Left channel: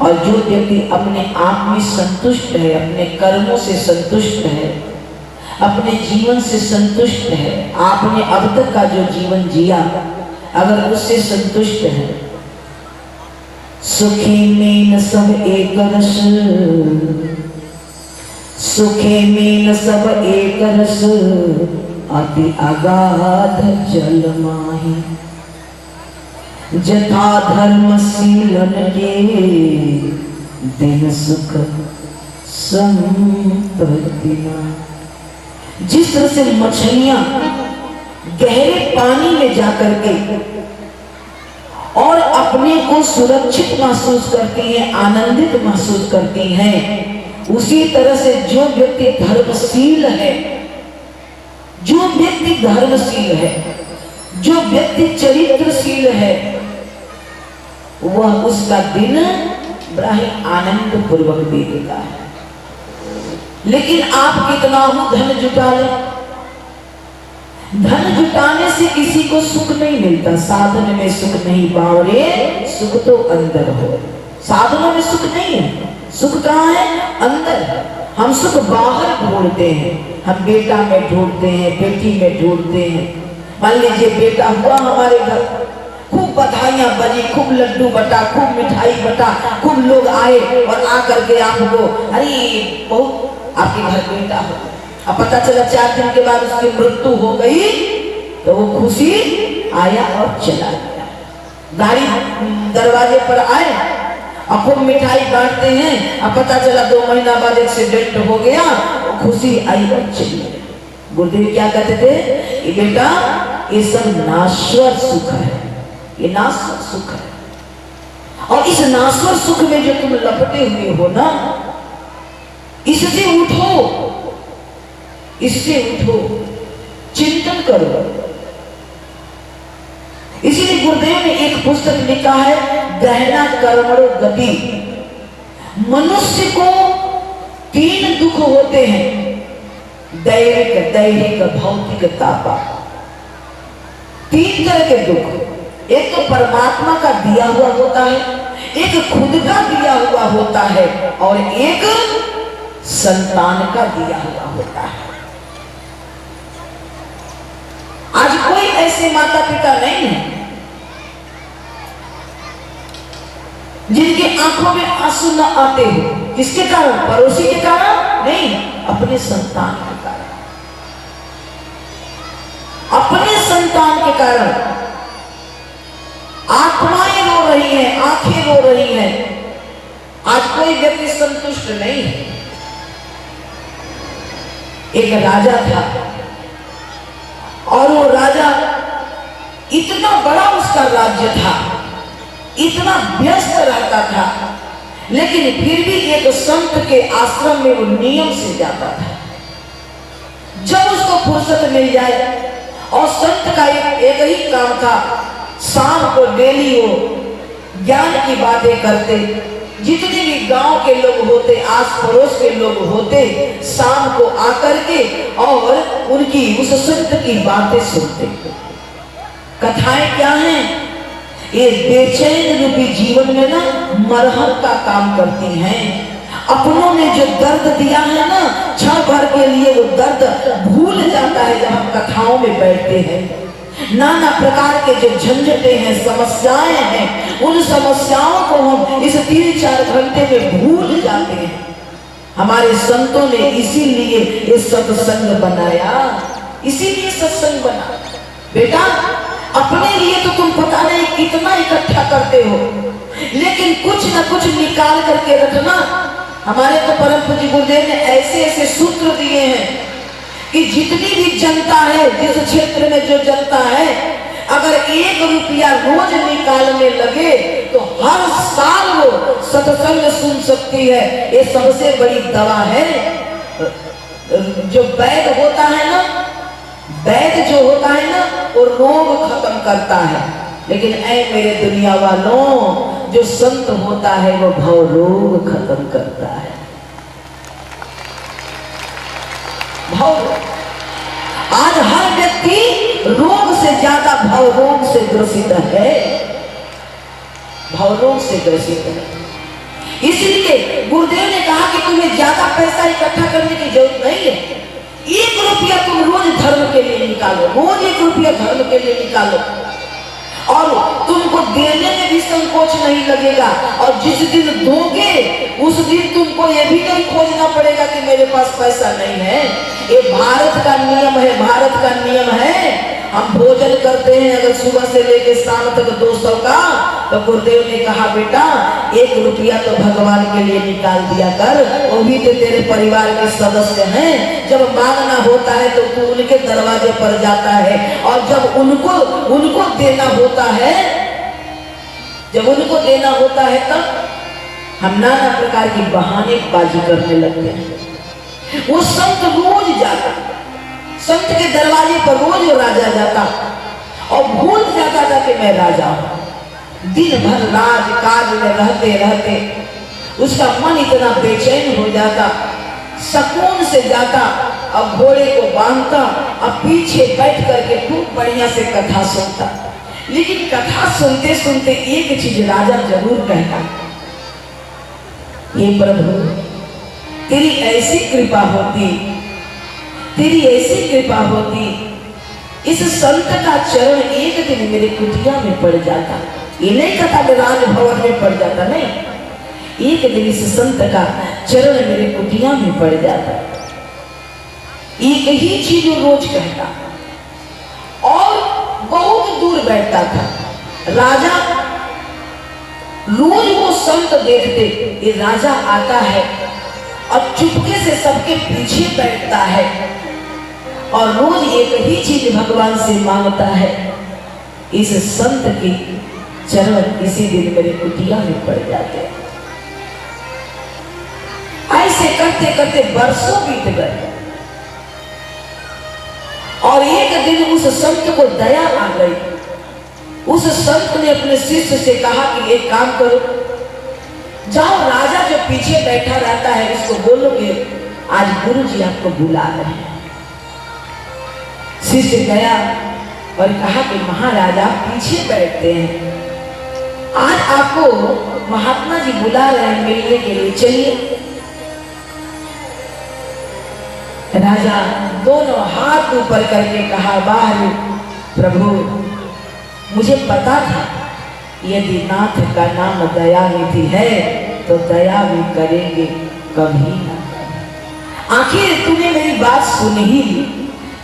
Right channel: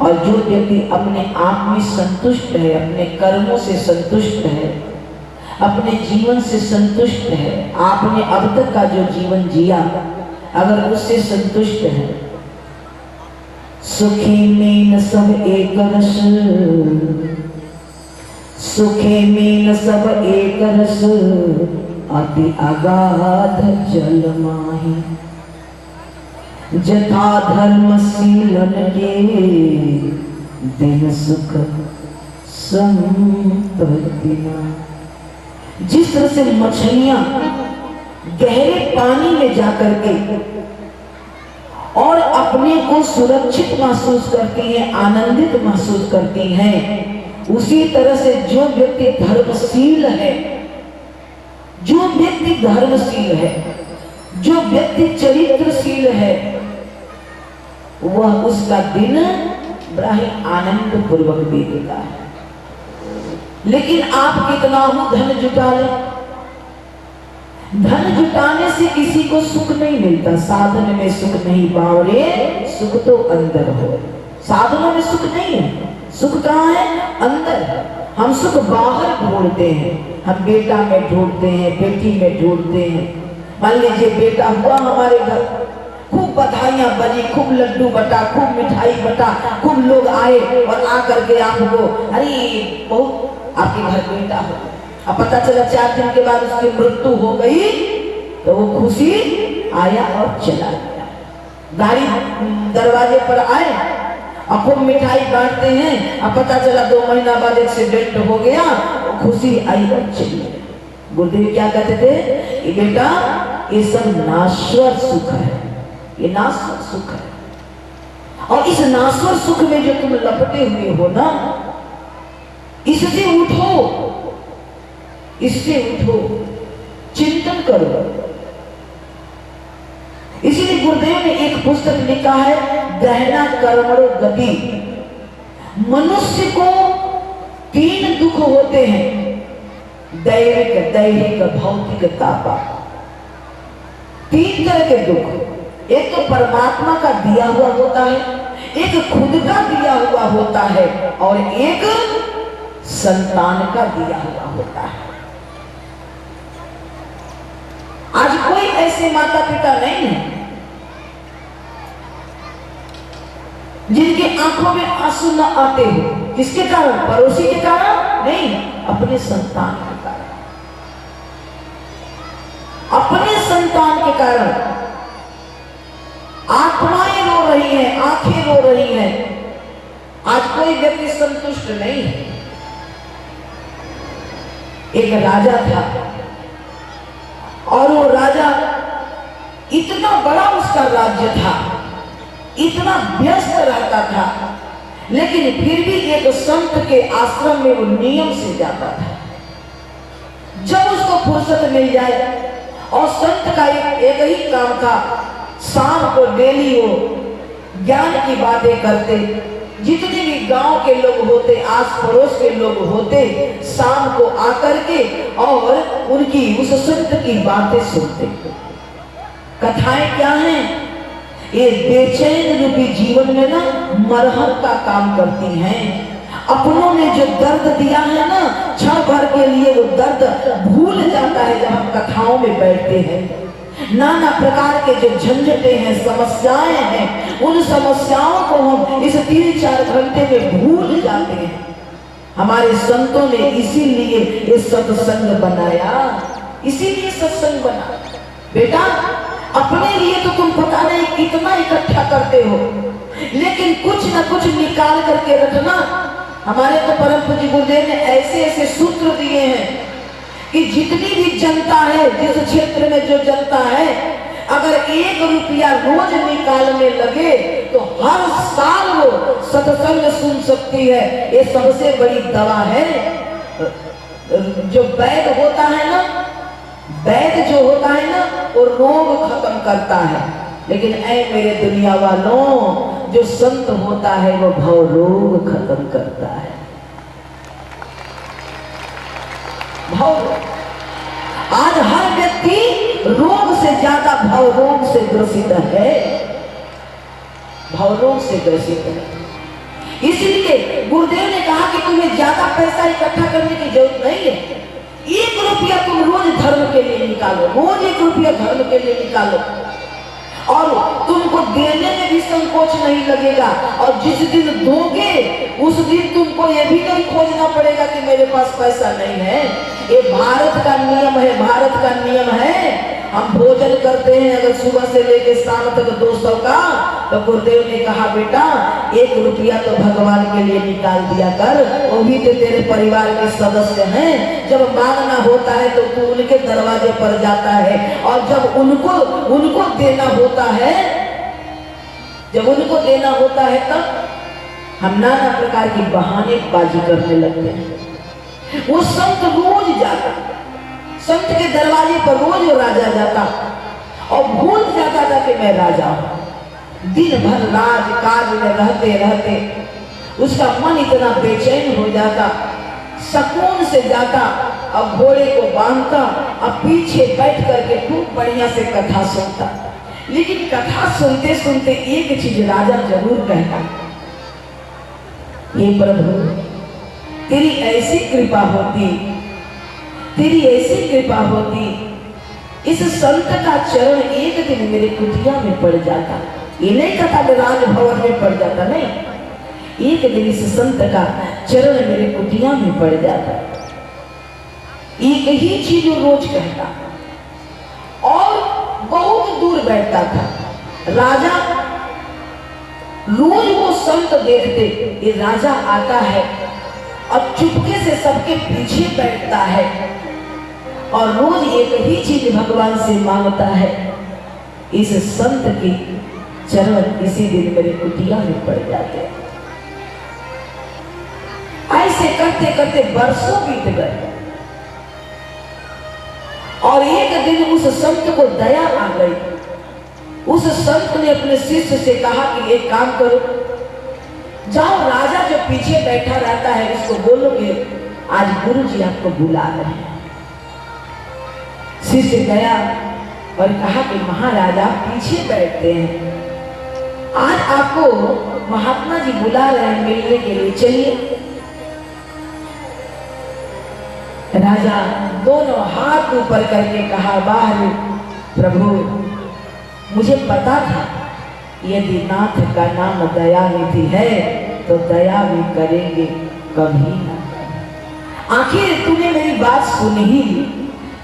और जो व्यक्ति अपने आप में संतुष्ट है, अपने कर्मों से संतुष्ट है, अपने जीवन से संतुष्ट है, आपने अब तक का जो जीवन जिया अगर उससे संतुष्ट है, सुखी में न सब एक रस, सुखे में न सब एक रस, अति अगाध जल माही, जथा धर्म शीलन के दिन सुख संपत्ति। जिस तरह से मछलियां गहरे पानी में जाकर के और अपने को सुरक्षित महसूस करती हैं, आनंदित महसूस करती हैं, उसी तरह से जो व्यक्ति धर्मशील है, जो व्यक्ति धर्मशील है, जो व्यक्ति चरित्रशील है, वह उसका दिन बड़ा ही आनंद पूर्वक बीतेगा है। लेकिन आप कितना ही धन जुटा लें, धन जुटाने से किसी को सुख नहीं मिलता। साधन में सुख नहीं बावरे, सुख तो अंदर हो। साधनों में सुख नहीं है, सुख कहाँ है? अंदर। हम सुख बाहर ढूंढते हैं, हम बेटा में ढूंढते हैं, बेटी में ढूंढते हैं। मान लीजिए बेटा हुआ हमारे घर, खूब बधाइयां बजी, खूब लड्डू बटा, खूब मिठाई बटा, खूब लोग आए और आकर के आपको, अरे बहुत आपके घर बेटा हो, अब पता चला 4 दिन के बाद उसकी मृत्यु हो गई, तो वो खुशी आया और चला गया। गाड़ी दरवाजे पर आए और खूब मिठाई बांटते हैं, अब पता चला 2 महीना बाद एक्सीडेंट हो गया, वो खुशी आई और चली गई। गुरुदेव क्या कहते थे? ये बेटा ये सब नाश्वर सुख है, ये नाश्वर सुख है। और इस नाश्वर सुख में जो तुम लपटे हुए हो ना, इससे उठो, इससे उठो, चिंतन करो। इसीलिए गुरुदेव ने एक पुस्तक लिखा है, गहना कर्मणो गति। मनुष्य को 3 दुख होते हैं, दैहिक, दैहिक, भौतिक, तापा। 3 तरह के दुख। एक तो परमात्मा का दिया हुआ होता है, एक खुद का दिया हुआ होता है, और एक संतान का दिया हुआ होता है। आज कोई ऐसे माता पिता नहीं है जिनकी आंखों में आंसू न आते हो। किसके कारण? पड़ोसी के कारण नहीं, अपने संतान के कारण, अपने संतान के कारण आत्माएं रो रही हैं, आंखें रो रही हैं। आज कोई व्यक्ति संतुष्ट नहीं है। एक राजा था और वो राजा, इतना बड़ा उसका राज्य था, इतना व्यस्त रहता था, लेकिन फिर भी एक संत के आश्रम में वो नियम से जाता था। जब उसको फुर्सत मिल जाए, और संत का एक ही काम था, शाम को डेली वो ज्ञान की बातें करते। जितने भी गांव के लोग होते, आस पड़ोस के लोग होते, शाम को आकर के और उनकी उस संत की बातें सुनते। कथाएं क्या हैं? ये बेचैन रूपी जीवन में ना मरहम का काम करती हैं। अपनों ने जो दर्द दिया है ना, क्षण भर के लिए वो दर्द भूल जाता है जब हम कथाओं में बैठते हैं। नाना प्रकार के जो झंझटें हैं, समस्याएं हैं, उन समस्याओं को हम इस 3-4 घंटे में भूल जाते हैं। हमारे संतों ने इसीलिए ये सत्संग बनाया, इसीलिए सत्संग बना। बेटा अपने लिए तो तुम पता नहीं कितना इकट्ठा करते हो, लेकिन कुछ न कुछ निकाल करके रखना। हमारे तो परम पूज्य गुरुदेव ने ऐसे ऐसे सूत्र दिए हैं कि जितनी भी जनता है, जिस क्षेत्र में जो जनता है, अगर 1 रुपया रोज निकालने लगे तो हर साल वो सत्संग सुन सकती है। ये सबसे बड़ी दवा है। जो वैद्य होता है ना, वैद्य जो होता है ना, वो रोग खत्म करता है, लेकिन ऐ मेरे दुनिया वालों, जो संत होता है वो भव रोग खत्म करता है। आज हर व्यक्ति रोग से ज्यादा भव रोग से ग्रसित है, भव रोग से ग्रसित है। इसलिए गुरुदेव ने कहा कि तुम्हें ज्यादा पैसा इकट्ठा करने की जरूरत नहीं है। 1 रुपया तुम रोज धर्म के लिए निकालो, रोज 1 रुपया धर्म के लिए निकालो, और तुमको देने में भी संकोच नहीं लगेगा। और जिस दिन दोगे उस दिन तुमको ये भी नहीं खोजना पड़ेगा कि मेरे पास पैसा नहीं है। ये भारत का नियम है, भारत का नियम है। हम भोजन करते हैं अगर सुबह से लेकर शाम तक 200 का, तो गुरुदेव ने कहा बेटा 1 रुपया तो भगवान के लिए निकाल दिया कर, वो भी तो तेरे परिवार के सदस्य हैं। जब मांगना होता है तो तू उनके दरवाजे पर जाता है, और जब उनको देना होता है, जब उनको देना होता है तब हम नाना प्रकार की बहानेबाजी करने लगते हैं। वो संत रोज जाता, संत के दरवाजे पर रोज वो राजा जाता और भूल जाता था कि मैं राजा हूं। दिन भर राज काज में रहते रहते उसका मन इतना बेचैन हो जाता, सुकून से जाता, अब घोड़े को बांधता, अब पीछे बैठ करके खूब बढ़िया से कथा सुनता। लेकिन कथा सुनते सुनते एक चीज राजा जरूर कहता, ये प्रभु तेरी ऐसी कृपा होती, तेरी ऐसी कृपा होती, इस संत का चरण एक दिन मेरे कुटिया में पड़ जाता। ये नहीं कहता मैं राजभवन में पड़ जाता, नहीं, एक दिन इस संत का चरण मेरे कुटिया में पड़ जाता। एक ही चीज रोज कहता, और बहुत दूर बैठता था। राजा रोज वो संत देखते, ये राजा आता है और चुपके से सबके पीछे बैठता है और रोज एक ही चीज भगवान से मांगता है, इस संत की चरण किसी दिन मेरे कुटिया में पड़ जाते। ऐसे करते करते वर्षों बीत गए, और एक दिन उस संत को दया आ गई। उस संत ने अपने शिष्य से कहा कि एक काम करो, जाओ राजा जो पीछे बैठा रहता है उसको बोलो कि आज गुरु जी आपको बुला रहे हैं। शिष्य गया और कहा कि महाराजा पीछे बैठते हैं, आज आपको महात्मा जी बुला रहे हैं मिलने के लिए, चलिए। राजा दोनों हाथ ऊपर करके कहा, बाहर प्रभु मुझे पता था यदि नाथ का नाम दयानिधि है तो दया भी करेंगे कभी ना। आखिर तूने मेरी बात सुन ही ली,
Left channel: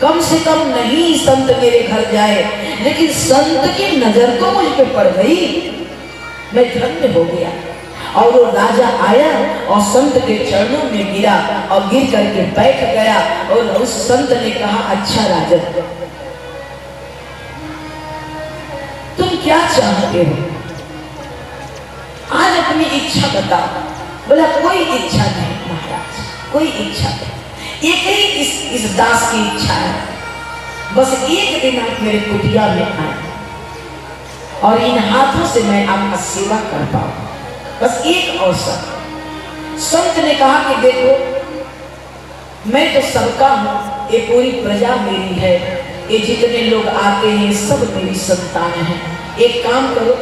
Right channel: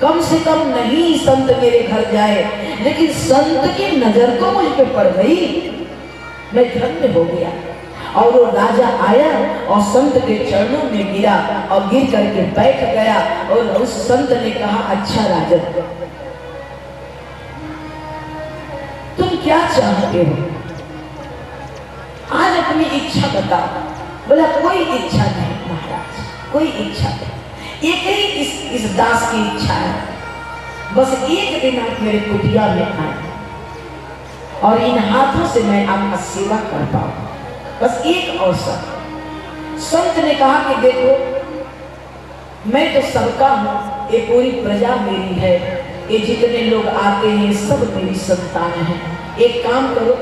कम से कम नहीं संत मेरे घर जाए, लेकिन संत की नजर तो मुझ पे पड़ गई, मैं धन्य हो गया। और वो राजा आया और संत के चरणों में गिरा और गिर करके बैठ गया। और उस संत ने कहा, अच्छा राजन तुम क्या चाहते हो, आज अपनी इच्छा बताओ। बोला कोई इच्छा नहीं महाराज, कोई इच्छा नहीं, एक ही इस दास की इच्छा है, बस एक दिन आप मेरे कुटिया में आए और इन हाथों से मैं आपका सेवा कर पाऊं, बस एक अवसर। संत ने कहा कि देखो मैं तो सबका हूं, ये पूरी प्रजा मेरी है, ये जितने लोग आते हैं सब मेरी संतान है। एक काम करो,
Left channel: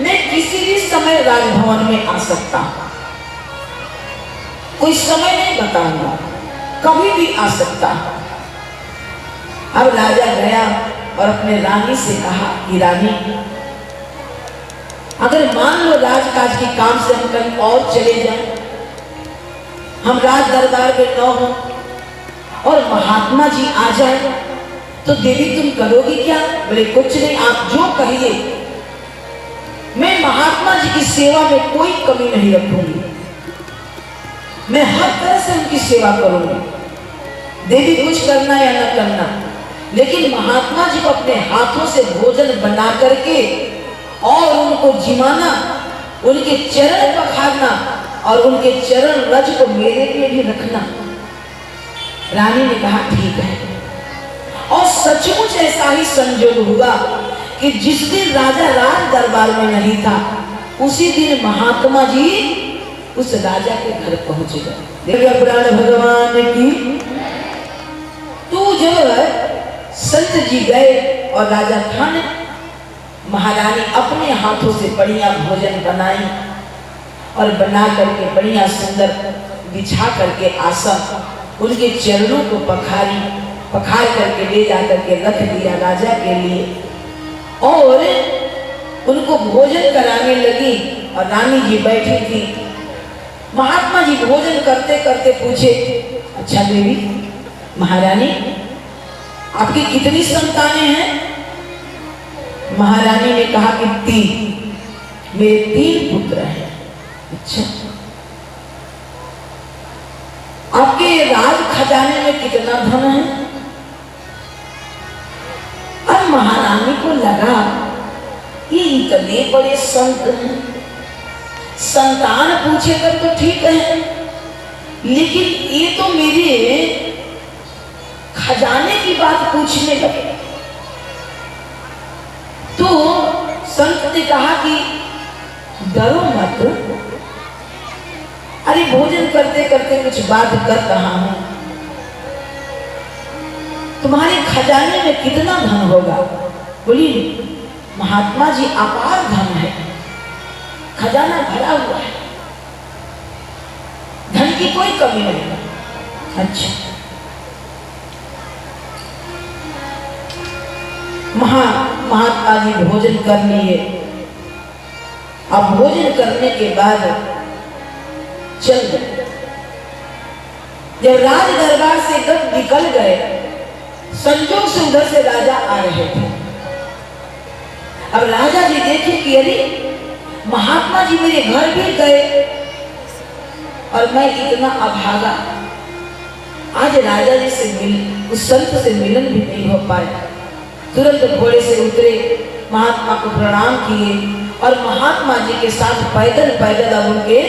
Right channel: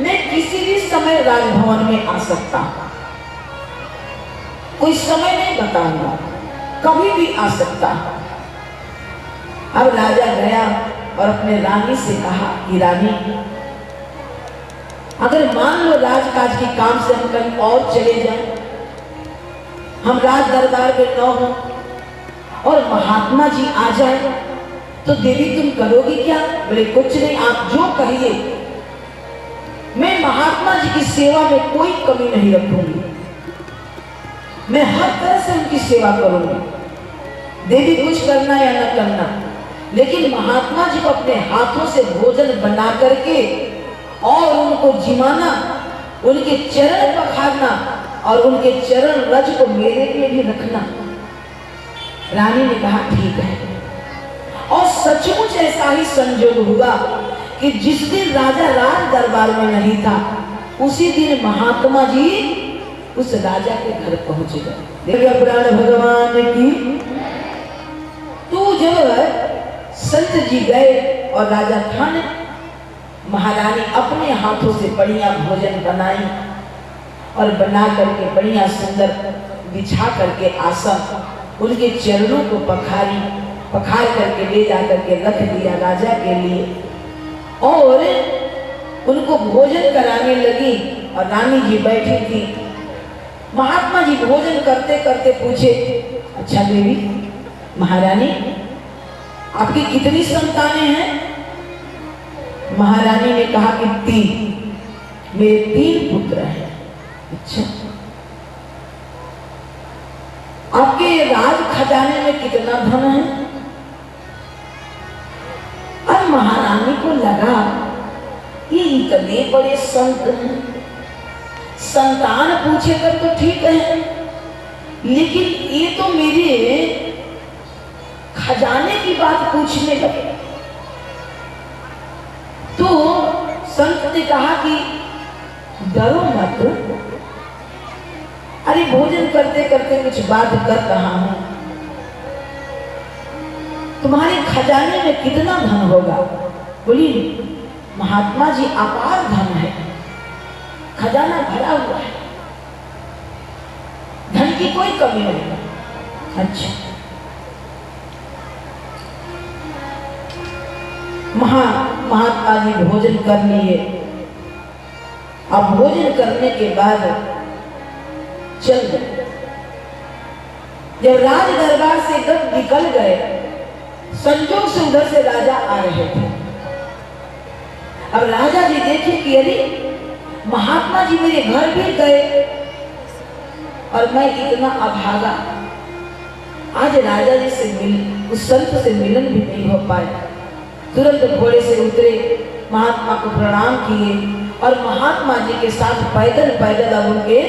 मैं किसी भी समय राजभवन में आ सकता हूं, कोई समय नहीं बताऊंगा, कभी भी आ सकता हूं। अब राजा गया और अपने रानी से कहा कि रानी अगर मान लो राजकाज के काम से हम कहीं और चले जाएं, हम राज दरबार में न हो और महात्मा जी आ जाए तो देवी तुम करोगी क्या? बोले कुछ नहीं, आप जो कहिए, मैं महात्मा जी की सेवा में कोई कमी नहीं रखूंगी, मैं हर तरह से उनकी सेवा करूंगी। देवी कुछ करना या न करना, लेकिन महात्मा जी को अपने हाथों से भोजन बना करके और उनको जिमाना, उनके चरण पखारना और उनके चरण रज को मेरे लिए भी रखना। रानी ने कहा ठीक है। और सचमुच ऐसा ही संजोग हुआ कि जिस दिन राजा राज दरबार में नहीं था, उसी दिन महात्मा जी उस राजा के घर पहुंच गए। देखिए पुराण भगवान की, तो जब संत जी गए और राजा खान महारानी अपने हाथों से बढ़िया भोजन बनाई और बना करके बढ़िया सुंदर बिछा करके आसन उनके चरणों को पखार करके ले जा करके रख दिया राजा के लिए और उनको भोजन कराने लगी। और रानी जी बैठी थी। महात्मा जी भोजन करते करते पूछे, अच्छा देवी महारानी आपकी कितनी संतानें हैं? महारानी ने कहा कि 3, मेरे 3 पुत्र हैं। अच्छा, आपके राज खजाने में कितना धन है? और महारानी को लगा ये इतने बड़े संत हैं, संतान पूछेगा तो ठीक है, लेकिन ये तो मेरे खजाने की बात पूछने लगे। तो संत ने कहा कि डरो मत, अरे भोजन करते करते कुछ बात कर रहा हूं। तुम्हारे खजाने में कितना धन होगा? बोली महात्मा जी अपार धन है, खजाना भरा हुआ है, धन की कोई कमी नहीं। अच्छा, महात्मा जी भोजन कर लिए। अब भोजन करने के बाद चल गए। जब राज दरबार से एकदम निकल गए, संजोग से उधर से राजा आ रहे थे। अब राजा जी देखे कि अरे महात्मा जी मेरे घर भी गए और मैं इतना अभागा, आज राजा जी से उस संत से मिलन भी नहीं हो पाया। तुरंत घोड़े से उतरे, महात्मा को प्रणाम किए और महात्मा जी के साथ पैदल पैदल अब उनके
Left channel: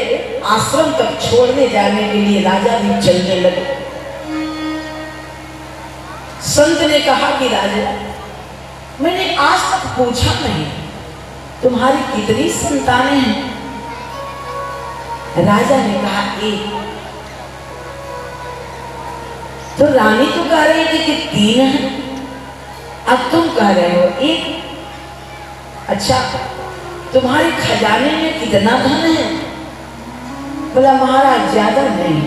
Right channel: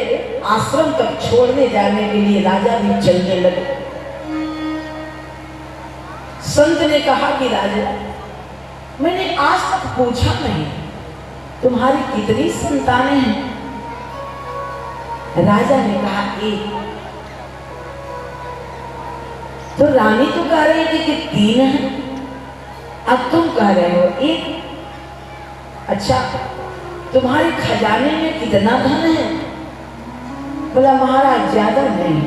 आश्रम तक छोड़ने जाने के लिए राजा भी चलने लगे। संत ने कहा कि राजा मैंने आज तक पूछा नहीं तुम्हारी कितनी संतानें हैं? राजा ने कहा 1। तो रानी तो कह रही थी कि 3 है, अब तुम कह रहे हो 1। अच्छा, तुम्हारे खजाने में कितना धन है? बोला महाराज ज्यादा नहीं,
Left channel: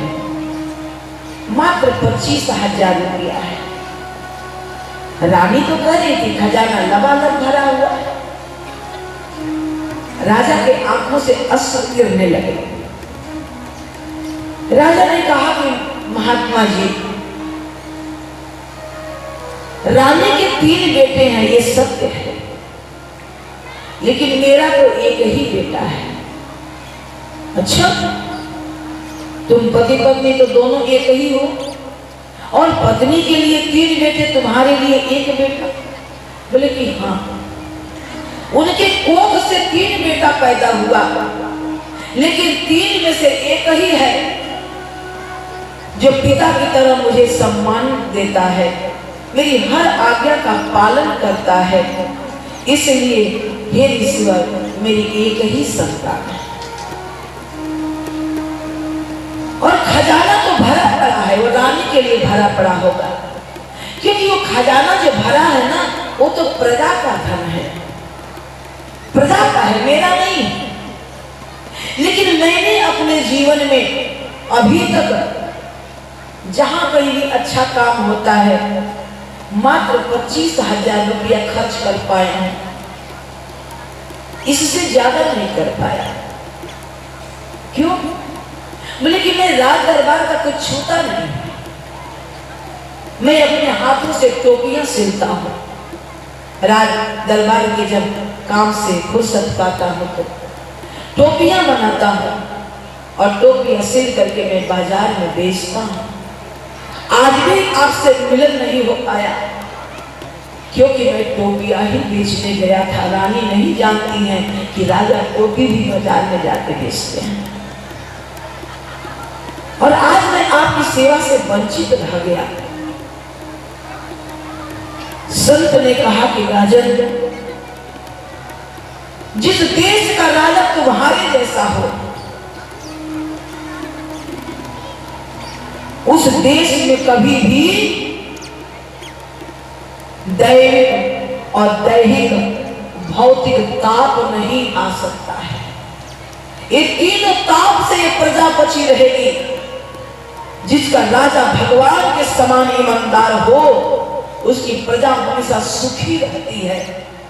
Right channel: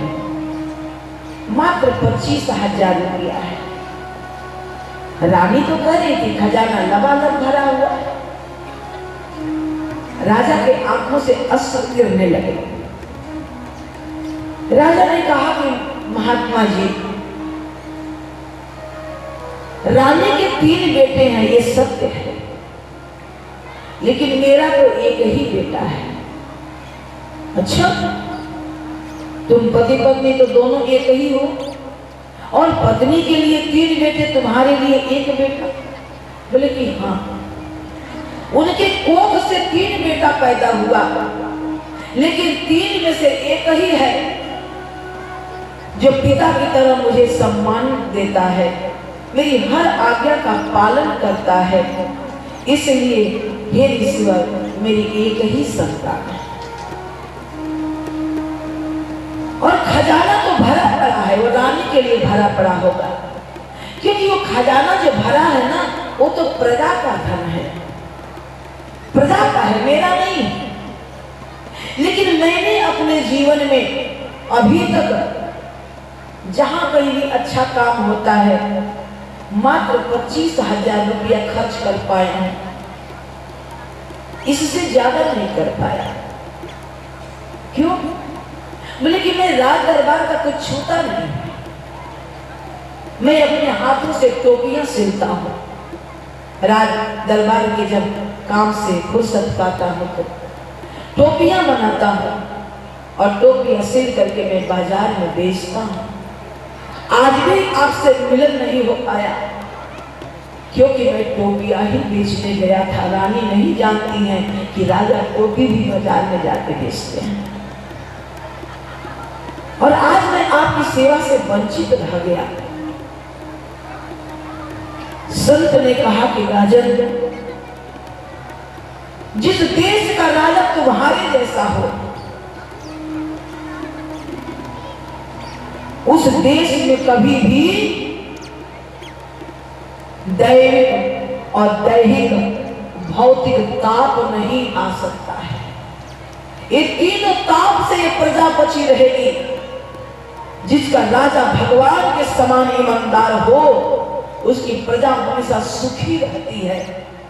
मात्र 25,000 रुपया है। रानी तो कह रही थी खजाना लबालब भरा हुआ है। राजा के आंखों से अश्रु गिरने लगे। राजा ने कहा कि महात्मा जी रानी के 3 बेटे हैं, ये सत्य है, लेकिन मेरा तो एक ही बेटा है। अच्छा, तुम पति पत्नी तो दोनों एक ही हो, और पत्नी के लिए 3 बेटे, तुम्हारे लिए 1 बेटा? बोले कि हाँ, उनके कोख से 3 बेटा पैदा हुआ, लेकिन 3 में से एक ही है जो पिता की तरह मुझे सम्मान देता है, मेरी हर आज्ञा का पालन करता है। इसलिए हे ईश्वर, मेरी एक ही संतान है और खजाना तो भरा पड़ा है, वो रानी के लिए भरा पड़ा होगा, क्योंकि वो खजाना जो भरा है ना, वो तो प्रजा का धन है, प्रजा का है, मेरा नहीं। लेकिन मैंने अपने जीवन में अभी तक जहां कहीं भी अच्छा काम होता है मात्र 25,000 रुपया खर्च कर पाए हैं, इससे ज्यादा नहीं कर पाया। क्यों? बोले कि मैं राज दरबार का कुछ छूता नहीं, मैं अपने हाथों से टोपियां सिलता हूँ। राज दरबार के जब काम से फुर्सत पाता हूँ तो टोपियां बनाता हूँ और टोपियां सिल करके मैं बाजार में बेचता हूँ। आज भी आपसे मिलन नहीं हो पाया क्योंकि मैं टोपियां ही बेचने गया था। रानी नहीं जानती है कि राजा टोपी भी बाजार में जाके बेचते हैं, और आज मैं आपकी सेवा से वंचित रह गया। संत ने कहा कि राजन, जिस देश का राजा तुम्हारे जैसा हो, उस देश में कभी भी दैविक और दैहिक भौतिक ताप नहीं आ सकता है। ये तीनों ताप से ये प्रजा बची रहेगी। जिसका राजा भगवान के समान ईमानदार हो, उसकी प्रजा हमेशा सुखी रहती है।